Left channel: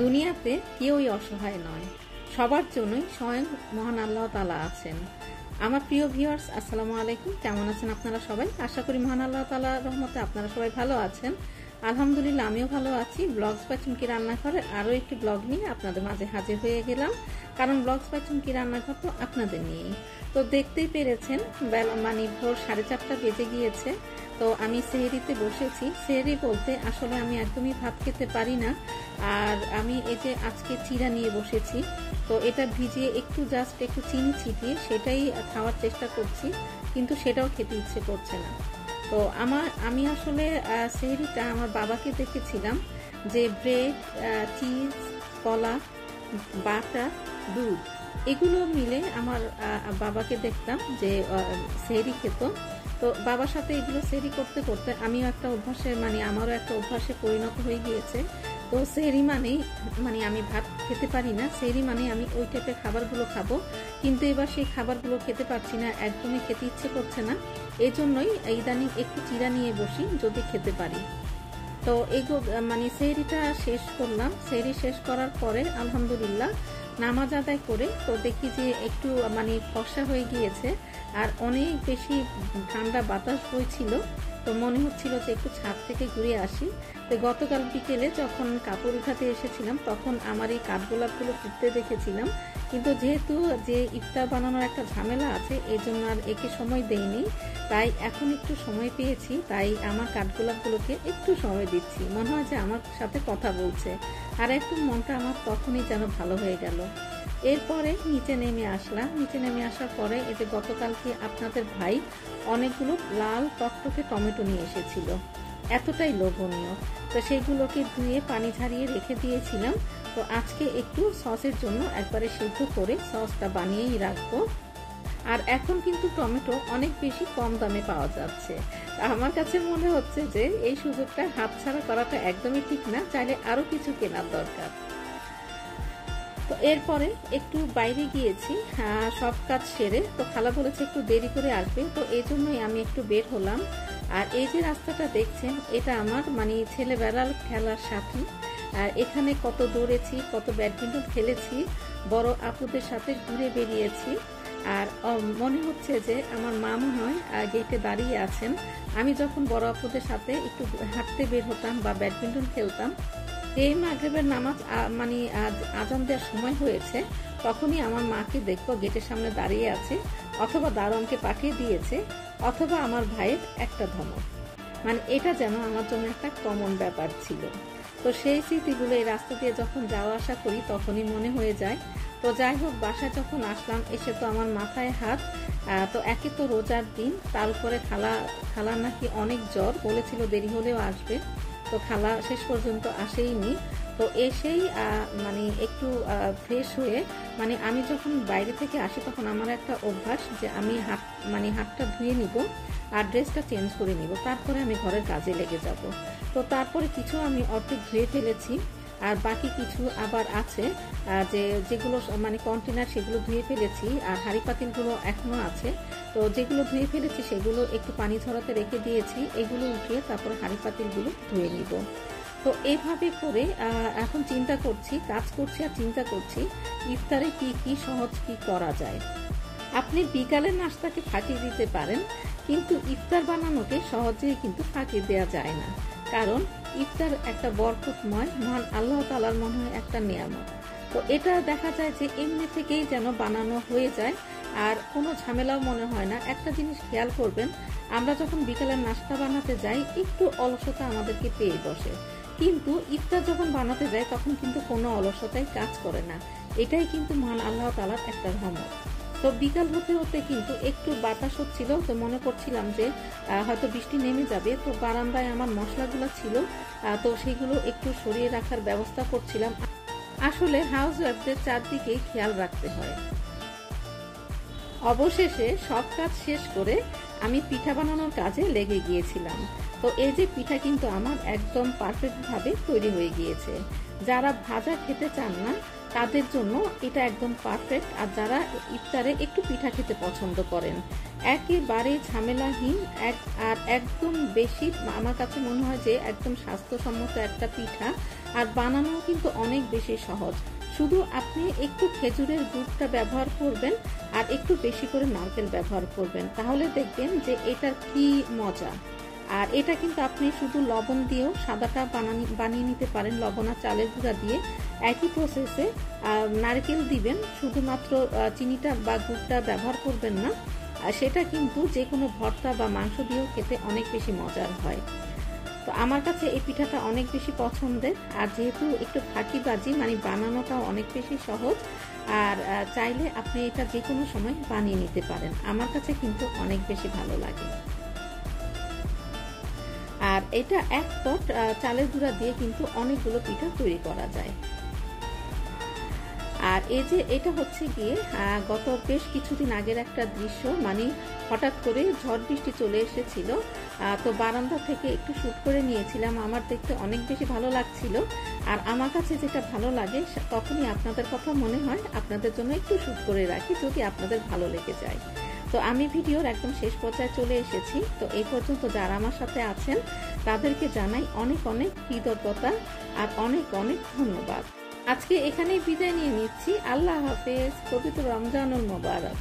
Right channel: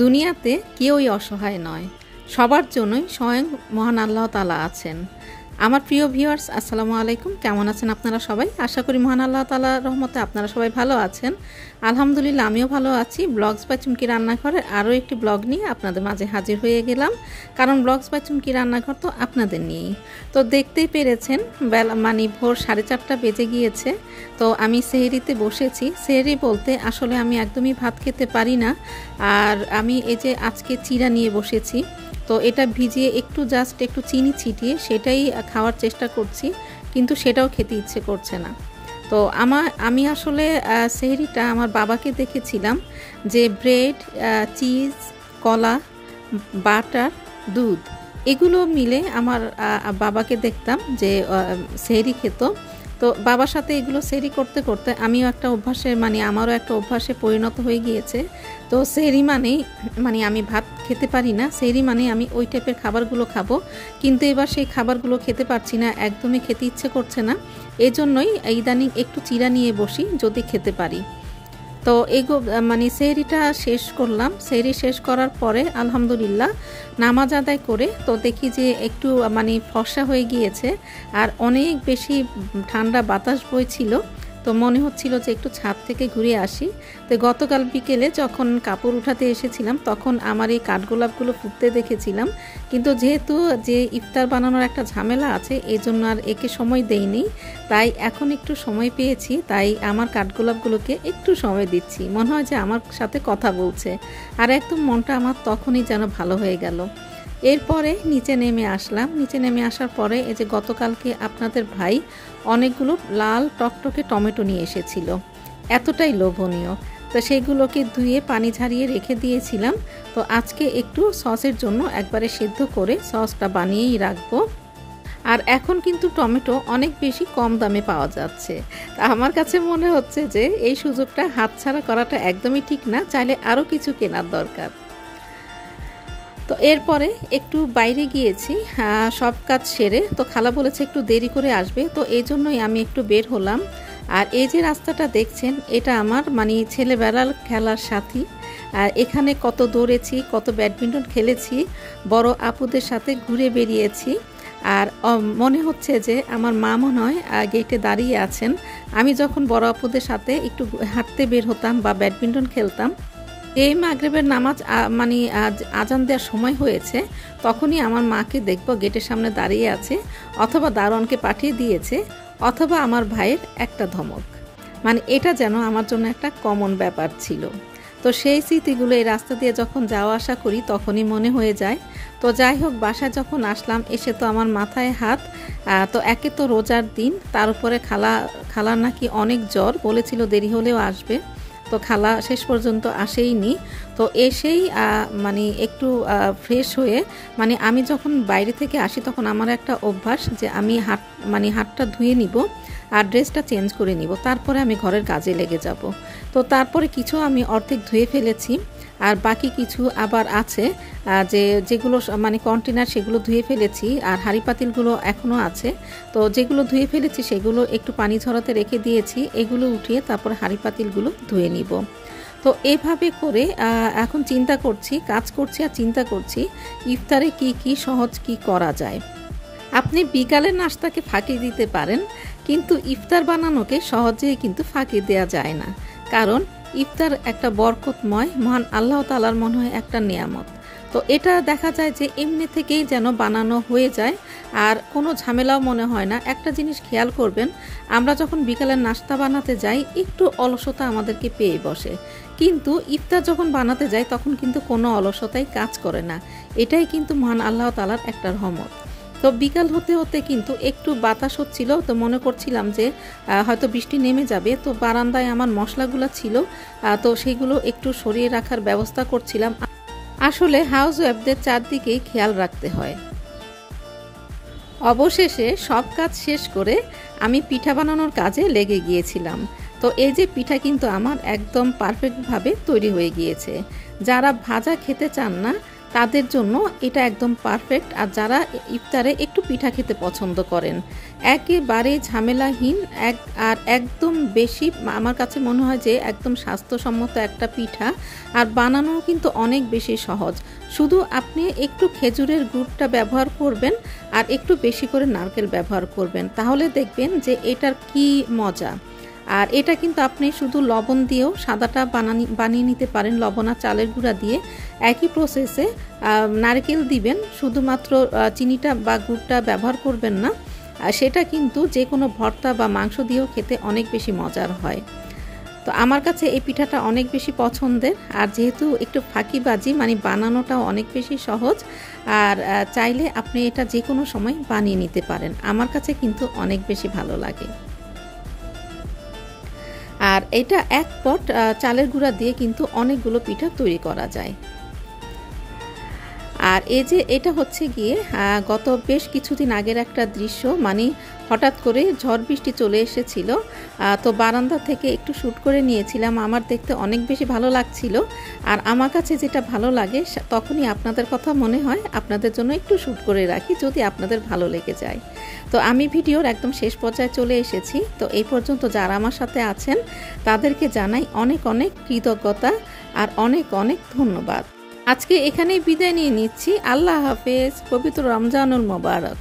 দুনিয়াতে কেউই অসহায় নয়, সবার জন্যই স্বয়ং মহান আল্লাহ তাআলা আছেন। আমার প্রিয় ভিউয়ার্স, আসসালামু আলাইকুম। কেমন আছেন আপনারা সবাই? আশা করি মহান আল্লাহ তাআলার রহমতে আপনারা সবাই ভালো আছেন। আলহামদুলিল্লাহ, আমিও ভালো আছি। ব্লগস বাই চুমকি রান্নাঘরের আরও একটি ব্লগ নিয়ে আপনাদের মাঝে হাজির হয়ে গেলাম, কারণ ব্লগস বাই চুমকি রান্নাঘর তো আপনাদের নিয়েই। তো দেখতেই পেরেছেন বেলা ভোর 4:30 বেজে গিয়েছে। তো আমি সেহরিতে বসেছি। সেহরি বলতে আসলে আমি একদমই ভাত খেতে পারি না, আর আমি এই যে আজকে চিড়া নিয়ে বসেছি। তো এটা ভিজিয়ে জাস্ট একটু চিনি ছিটিয়ে সেটাই খাওয়ার চেষ্টা করছি, কিন্তু সেটাও খেতে ইচ্ছে করছে না। তো আমি আসলে সেহরিটা আমার বাবাকে দেখেছিলাম যে ব্রেড, চিজ, কলা, বাটার, দুধ এগুলো মিলে আমার বাবাকে দেখতাম যে সেহরি খেত। তো বাবার সাথে এগুলো সেহরি করতে করতে আমিও একটা অভ্যাসে আমারও একটা অভ্যাসে পরিণত হয়ে গিয়েছে। তো সেহরি আমি ভাত খেতে পারি না, সেহরি আমি ওই টাইপের খাবারগুলো খাবো, কিন্তু এবার সেই খাবারগুলো খেতে পারছি না, একদমই খেতে ইচ্ছে করছে না। এই জন্যই ইদানিং একটু চিড়া নিয়ে বসি যদি খেতে পারি। তো সেহরিটা শেষ করলাম। সেহরি শেষ করার পরে আলহামদুলিল্লাহ নামাজ আদায় করে তো দেখি যে একটু ফর্সা হয়ে গিয়েছে, আর অনেক বেশি ঠান্ডা বাতাস বইছিল। তো মনে হচ্ছিল যে একটু ছাদ থেকে ঘুরে আসি। তো গতকাল বিকেলে যখন কাপড় উঠাতে এসেছিলাম তখন আমার এই কাঠগোলাপগুলো ফুটতে দেখেছিলাম, কিন্তু যেহেতু যে ইফতার বানানোর একটা ঝামেলা আছে এই জন্য আর একে সময় দেইনি। তাই এখন একটু সময় পেয়েছি, তাই আমার কাঠগোলাপগুলোকে একটু সময় দিচ্ছি। মনে হয় যে আমার সাথে কথা বলছে, আর একদম মনটা আমার তখনই যেন ভালো হয়ে গেল। এরপরে নিচে নেমে আসলাম। নিচে নেমে আসার পরে এই যে গতকালকে আপনাদের ভাই অনেকগুলো লাল টকটকে টমেটো নিয়ে এসেছিল, এতটাই লোভনীয়। তো সেগুলোকে ধুয়ে পানি ঝারিয়ে রেখে দিয়েছিলাম। তো আজকে একটু সসের জন্য একবারে সিদ্ধ করে সসটা বানিয়েই রাখবো। আর এখন কিন্তু টমেটো অনেক বেশি কম দামে পাওয়া যাচ্ছে। আমার কাছে মনে হচ্ছে যে এই সুযোগটা হাতছাড়া করাটা একদমই ঠিক না, চাইলে আরও কিছু কেনার দরকার। তো এরপরে একটু বাইরে গিয়েছি সব কাজ সেরে। তো খালা বলেছে একটু দেরি করে আসবে, তো এই জন্যই আমি একটু বের হলাম। আর এই যে রাস্তাটা দেখছেন এটা আমার ছেলেবেলার খেলার সাথী। আর এখানে কত দৌড়েছি, কত ব্যাডমিন্টন খেলেছি, বড় আপুদের সাথে ঘুরে বেরিয়েছি। আর মনে হচ্ছে যে আমার মা মনে হয় গেটে দাঁড়িয়ে আছেন। আমি যখন বড় আপুদের সাথে একটু হাঁটতে বের হতাম বা ব্যাডমিন্টন খেলতাম, এই মাগরিবের নামাজ আজান দেওয়ার সময় হয়েছে, তখনই আমার মাকে দেখব গেটের সামনে দাঁড়িয়ে আছে, অথবা দারোয়ানকে পাঠিয়ে দিয়েছে, অথবা আমার ভাইয়ের একটা ধমক। এটা যেন আমার জন্য একটা কমন ব্যাপার ছিল। তো সেই স্মৃতিগুলো এই রাস্তা দিয়ে যখন যাওয়া আসা করি তখনই মনে হয়ে যায়। তো যাই হোক, বাসায় যখন আসলাম এসে তো আমার মাথায় হাত। তো একে তো রোজার দিন, তার উপরে খালার নাকি অনেক জ্বর, বলেছিল দেরি হলেও আসবে। তো খালা শেষ পর্যন্ত আসেইনি। তো এসেই একটু ফ্রেশ হয়ে আমি যখন বাইরে থেকে আসি তখন আমার একটা অভ্যাস যে আমি হাতটা ধুয়ে নিব আর ড্রেসটা চেঞ্জ করে নিব, তারপরে আমি ঘরের কাজে লেগে যাব। তো তারপরে কিছু আমি অর্ধেক ধুয়ে ফেলেছি, আর বাকি কিছু আবার আছে যেগুলো কন্টেনার, সেগুলো ধুয়ে ফেলেছি, আর হাঁড়ি পাতিলগুলো এখনও আছে। তো যেগুলো ধুয়ে ফেলেছি সেগুলো একটু পানি ঝরাতে রেখে দিয়েছি, এগুলো উঠিয়ে তারপরে হাঁড়ি পাতিলগুলো ধুয়ে নিব। তো এভাবে করে এখন কাজ করছি আর চিন্তা করছি ইফতারে কি সহজ কি করা যায়। আপনি বিকালের নাস্তাকে ফাঁকি দিতে পারেন, কিন্তু ইফতার বানানোকে সহজেই কিন্তু ফাঁকি দেওয়া যায় না, কারণ ইফতার একটা বরকতময় মহান আল্লাহ তাআলার মনে হয় একটা নিয়ামত। তো এটা দেখা যায় যে এমনি থেকেই যেন বানানো হয়ে যায়, আর কোনো ঝামেলাও মনে হয় না। একটা জিনিস খেয়াল করবেন, আমরা যখন বিকালের নাস্তা বানাতে যাই একটু অলসতা আমাদেরকে পেয়ে বসে, কিন্তু ইফতার যখন বানাতে যাই তখন কিন্তু কোনো অলসতাই কাজ করে না। এটাই কিন্তু মহান আল্লাহ তাআলার একটা রহমত। তো বিকাল হতে হতে কিন্তু একটু বাতাস হচ্ছিল, তো মনে করছিলাম যে হয়তো বৃষ্টি নেমে যাবে। তো বারান্দায় আমার মশলাগুলো ছিল, তো সেগুলো একটু সরিয়ে রাখার ব্যবস্থা করছিলাম। আসলে হাউস ওয়াইফদের চারদিকেই খেয়াল রাখতে হয়। অবশেষে সব কাজ শেষ করে আমি পিঠা বানানোর কাজে লেগে গিয়েছিলাম। তো এই যে পিঠা কিন্তু আমার একদম পারফেক্টভাবে তৈরি হয়ে গিয়েছে। যারা ভাজা খেতে চান না তাদের জন্য এটা একদম পারফেক্ট। আর যারা ইফতারে একটু পিঠা খেতে পছন্দ করেন, একেবারে ঝামেলাহীন আর একদম বেশি, আমার কাছে মনে হয় যে একদম স্বাস্থ্যসম্মত একটা পিঠা, আর বানানো কিন্তু অনেক বেশি সহজ। শুধু আপনি একটু খেজুরের গুড়টা ব্যবহার করবেন আর একটু বেশি করে নারকেল ব্যবহার করবেন, তাহলে দেখবেন যে এটার কি মজা। আর এটা কিন্তু আপনি শুধু লবণ দিয়েও সাদাটা বানিয়ে নিতে পারেন, লবণ আর চালের গুঁড়া দিয়ে। একই প্রসেসে নারকেল দিবেন, শুধুমাত্র চিনিটা বা গুড়টা ব্যবহার করবেন না। সেটা কিন্তু যে কোনো ভর্তা বা মাংস দিয়েও খেতে অনেক বেশি মজার হয়। তো আমার কাছে এই পিঠাটা অনেক বেশি পছন্দের, আর যেহেতু একটু ফাঁকিবাজি, মানে বানানোটাও অনেক বেশি সহজ, আর চাইলে আপনি এটা যে কোনো সময় বানিয়ে নিতে পারেন। আমার কাছে কিন্তু অনেক বেশি ভালো লাগে। আর এটা এক পট চালের গুঁড়া দিয়ে কিন্তু অনেকগুলো পিঠা তৈরি করা যায়। আর এই যে এটা হচ্ছে গিয়ে গত বেশ কিছুদিন আগের একটা দৃশ্য, মানে হঠাৎ করে ঝড় বৃষ্টি চলে এসেছিল, তো বারান্দা থেকে একটু শ্যুট করে নিয়েছিলাম। আমার দেখতে অনেক বেশি ভালো লাগছিল, আর আমার কাছে যেটা ভালো লাগে তখনই আপনাদের কথা মনে হয় আপনাদের জন্য একটু শ্যুট করে রাখি, যদি আপনাদের ভালো লেগে যায়। তো আমি ভিডিওর একদম শেষ পর্যায়ে চলে এসেছি। তো এই পর্যন্ত যারা আমার সাথে আছেন তাদেরকে জানাই অনেক অনেক কৃতজ্ঞতা আর অনেক অনেক ধন্যবাদ। আজকে এখানেই বিদায় নিয়ে নিচ্ছি। আল্লাহ হাফেজ। পবিত্র রমজানুল মোবারক।